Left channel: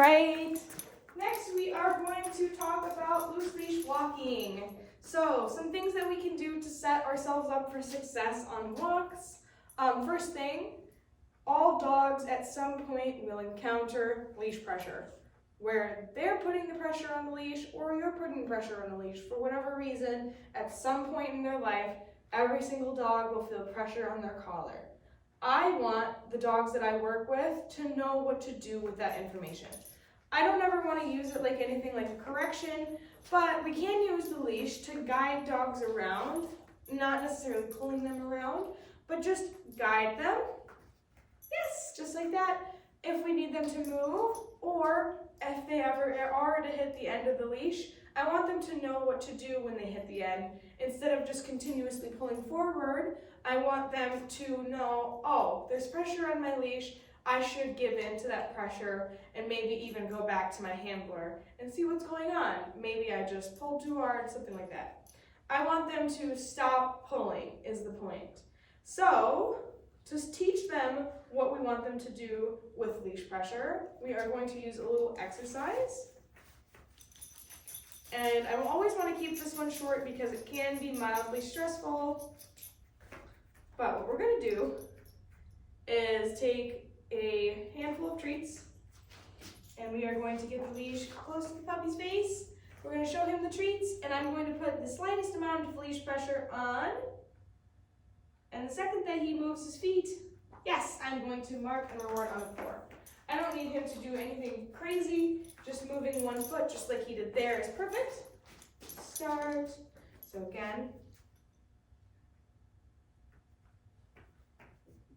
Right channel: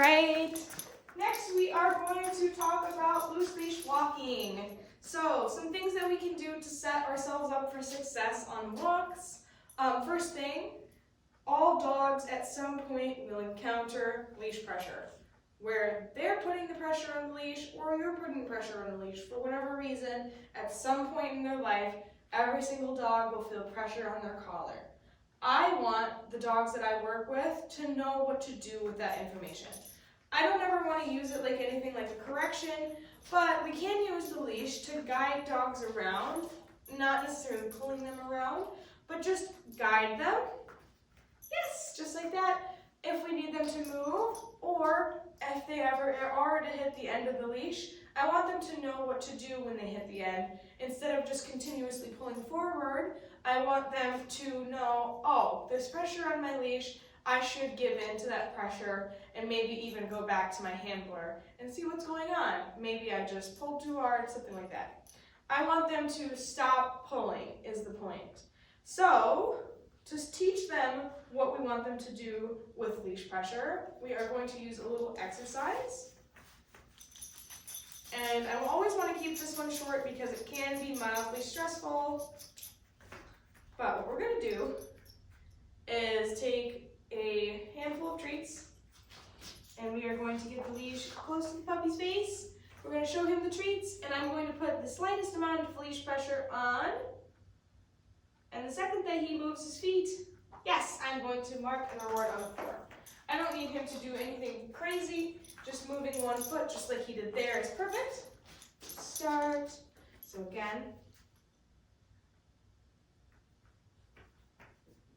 right. Next, we are going to talk about loose leash walking. So, some things that we can do to set ourselves up for success on walks. First thing, all dogs at some point will encounter leash pressure, where they're putting the pressure on the leash or you're putting pressure on the leash for whatever reason. At some point in their life, every single dog will feel pressure on their collar. I want the dogs that I work with to know what to do with that information. I don't ever want to use it like anything like a correction, but we can use the leash to guide dogs around, not necessarily pulling them around, but just guide them. Yes, just like that. If we need them to move, or if they ever are to hit the end of the leash, I want them to know what to do when they hit the end. Instead of just continuously pulling forward, I want them to know, oh, there's pressure on my leash, I should give in to that pressure and maybe even go back to my handler and see what's going on. Maybe I just pulled too hard, something like that. I want them to stop pulling is the point. So, to teach them what we want them to do with leash pressure, we are going to use a little exercise. And I always want to keep this one short because it can be mildly stressful. But what we're going to do is take a handful of treats, and we are going to get the leash close to the puppy's face. We're going to show him the treats, and I'm going to put the slightest amount of leash pressure on. And the second that he moves his feet, yes, I'm going to mark and reward on the floor. I don't need him to do anything crazy. Just moving one foot, just like he did there, is perfect. Start. So again,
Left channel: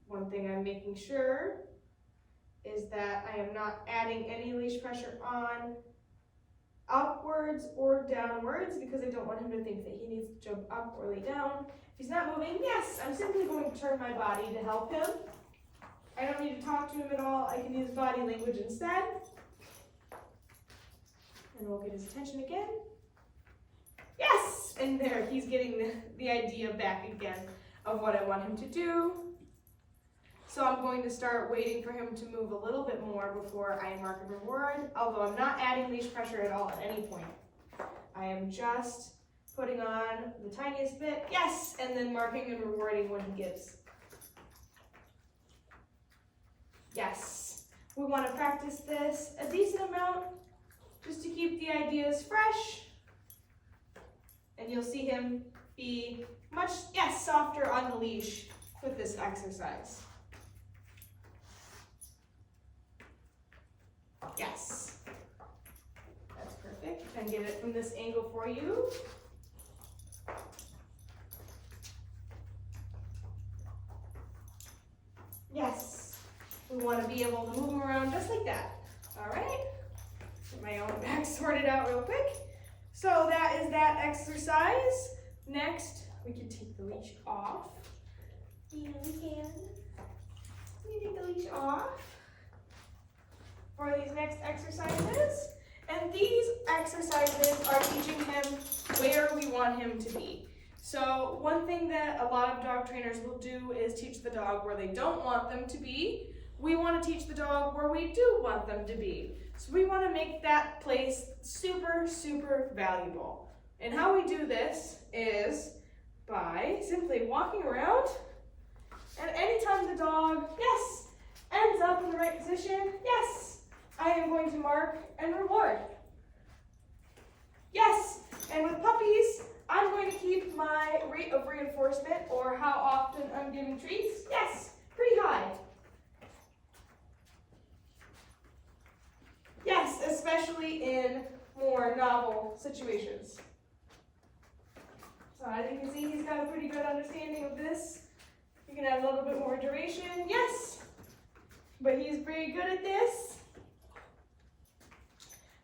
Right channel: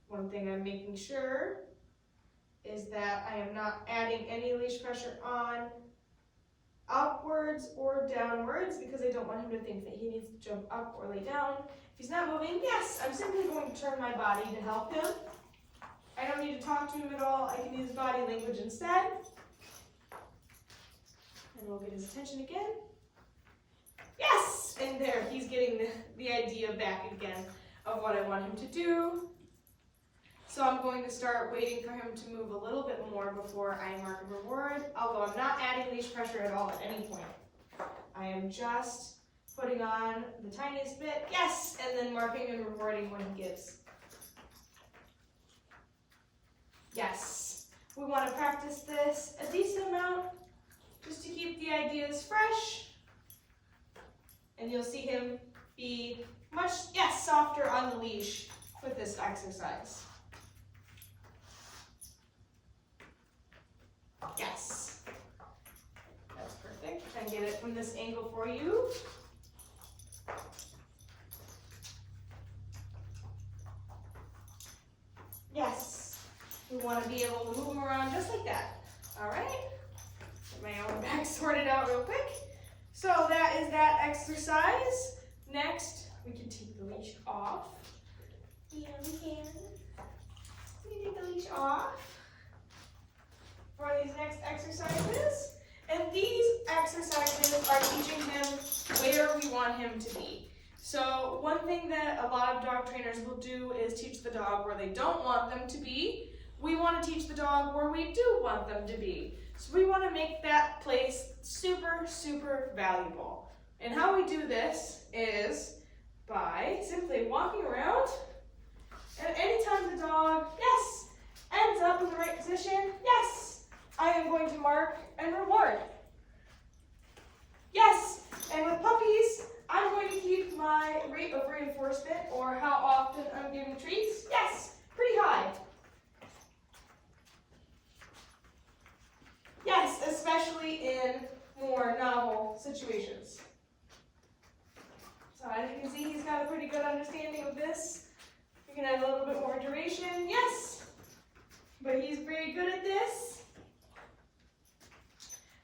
one thing I'm making sure is that I am not adding any leash pressure on upwards or downwards because I don't want him to think that he needs to jump up or lay down. If he's not moving, yes, I'm simply going to turn my body to help him. I don't need to talk to him at all. I can use body language instead. And we'll get his attention again. Yes! And there, he's getting the idea back again of what I want him to do. So I'm going to start waiting for him to move a little bit more before I mark and reward, although I'm not adding leash pressure at all at any point. I am just putting on the tiniest bit, yes, and then marking and rewarding when he gives. Yes, we want to practice this a decent amount just to keep the ideas fresh. And you'll see him be much, yes, softer on the leash with this exercise. Yes, that's perfect. I can get it from this angle for you. Yes, we want to be able to move them around just like that. All right, get my own back sorted out real quick. So that is that exercise. Next, we can take the leash off. Yeah, we can. We take the leash off for these next exercises. And these exercises are teaching him where we want him to be. So one thing that a lot of dog trainers will do is teach the dog where they don't want them to be. We want to teach the dog where we do want them to be. So we want to make that place super, super valuable. And how we do this is by simply walking around, and anytime the dog, yes, ends up in the right position, yes, I am going to mark and reward. Yes, and with puppies, I'm going to keep my rate of reinforcement, or how often I'm giving treats, yes, pretty high. Yes, especially in more novel situations. So as you can see, he's got a pretty good understanding of this. We can add a little bit more duration, yes, but he's pretty good at this.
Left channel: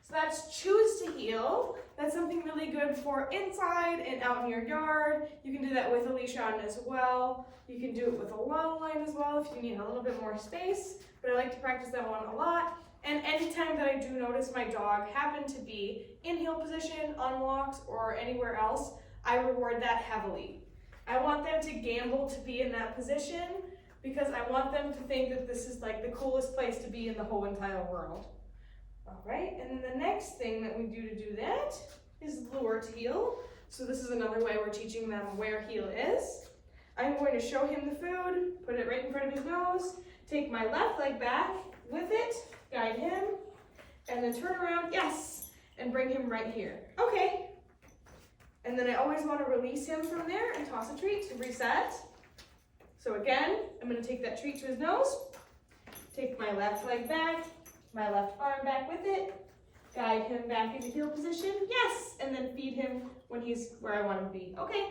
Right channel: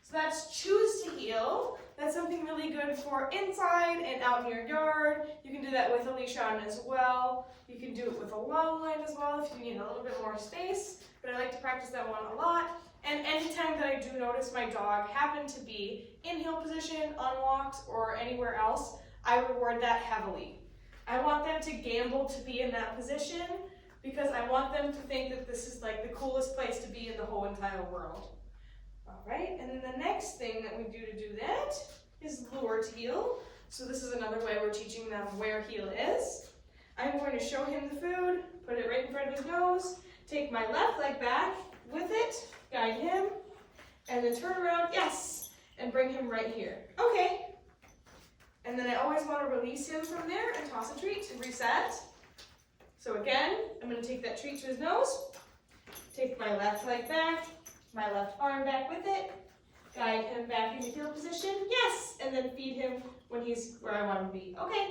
So that's choose to heel. That's something really good for inside and out in your yard. You can do that with a leash on as well. You can do it with a long line as well if you need a little bit more space, but I like to practice that one a lot. And anytime that I do notice my dog happen to be in heel position, on walks, or anywhere else, I reward that heavily. I want them to gamble to be in that position because I want them to think that this is like the coolest place to be in the whole entire world. All right, and then the next thing that we do to do that is lure to heel. So this is another way we're teaching them where heel is. I'm going to show him the food, put it right in front of his nose, take my left leg back with it, guide him, and then turn around, yes, and bring him right here. Okay. And then I always want to release him from there and toss a treat to reset. So again, I'm going to take that treat to his nose, take my left leg back, my left arm back with it, guide him back into heel position, yes, and then feed him when he's where I want him to be. Okay.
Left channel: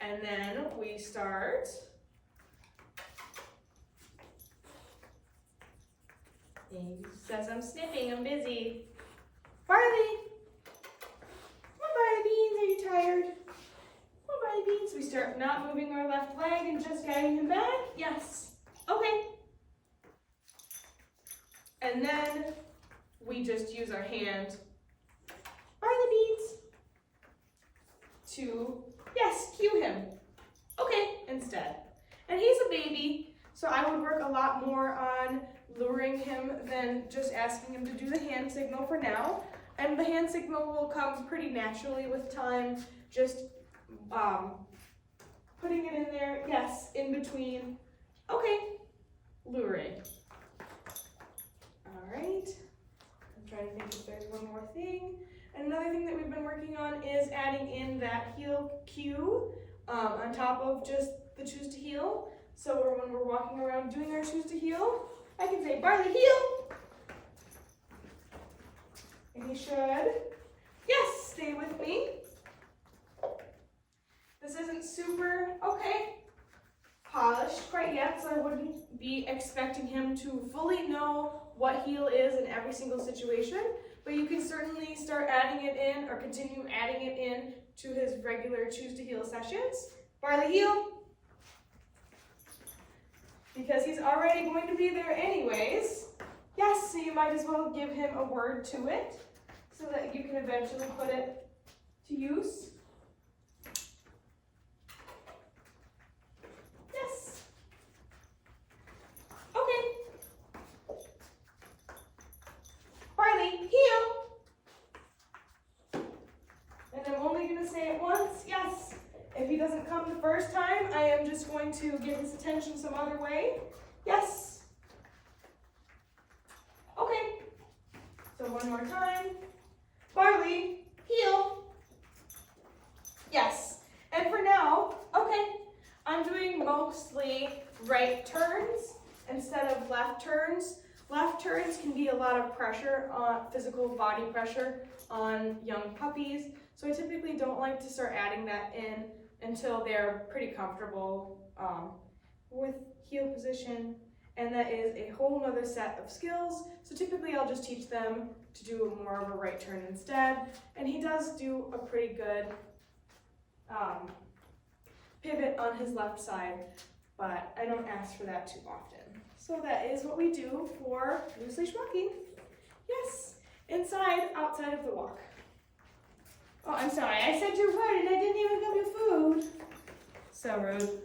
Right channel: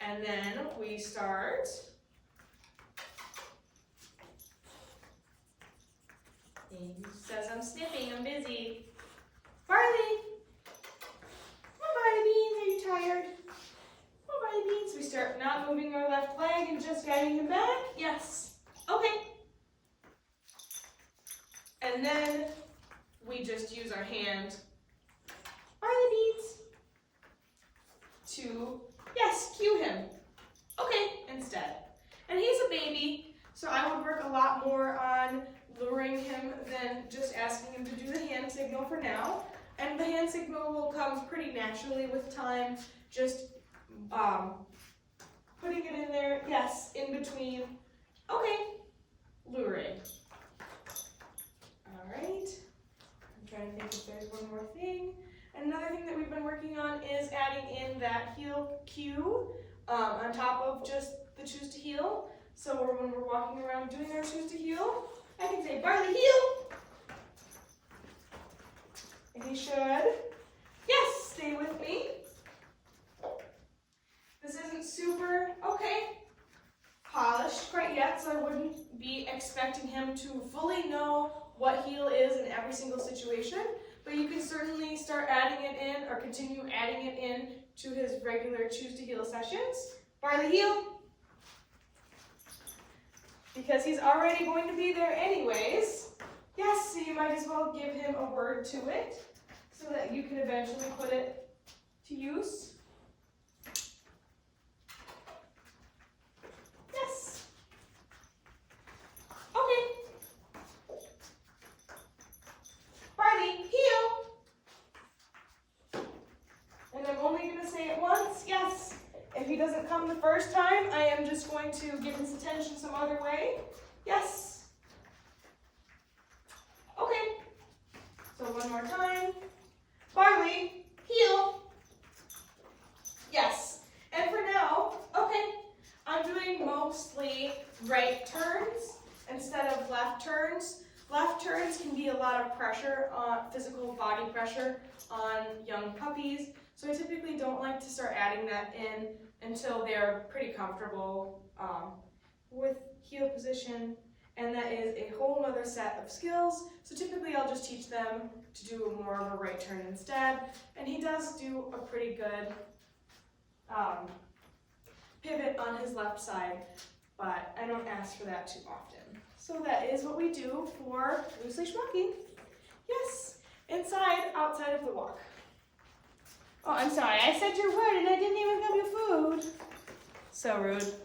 And then we start. He says, I'm sniffing, I'm busy. Barley! Come on, Barley Beans, are you tired? Come on, Barley Beans. We start not moving our left leg and just guiding him back. Yes. Okay. And then we just use our hand, Barley Beans, to, yes, cue him. Okay, instead. And he's a baby, so I would work a lot more on luring him than just asking him to do the hand signal for now. And the hand signal will come pretty naturally with time, just putting it in there, yes, in between. Okay, luring. All right, I'm trying to think if there's one more thing. Another thing that we've been working on is adding in that heel cue on top of just the choose to heel. So when we're walking around doing our choose to heel, I can say, Barley, heel. And he should, yes, stay with me. This isn't super, okay, polished quite yet, so I wouldn't be expecting him to fully know what heel is in every single situation, but you can certainly start adding it in or continue adding it in to his regular choose to heel sessions. Barley, heel. Because he's already going to be there anyways. Yes, so you might as well give him a word to it so that you can eventually put it to use. Yes. Okay. Barley, heel. And I'm only going to say it once, yes. If he doesn't come the first time, I am just going to give his attention some other way. Yes. Okay. So one more time. Barley, heel. Yes. And for now, okay, I'm doing mostly right turns instead of left turns. Left turns can be a lot of pressure, physical body pressure on young puppies. So I typically don't like to start adding that in until they're pretty comfortable with heel position. And that is a whole other set of skills. So typically I'll just teach them to do more of a right turn instead. And he does do a pretty good pivot on his left side, but I don't ask for that too often. So that is what we do for loose leash walking. Yes, inside, outside of the walk. Oh, I'm sorry, I said your word and I didn't even have your food. So rude.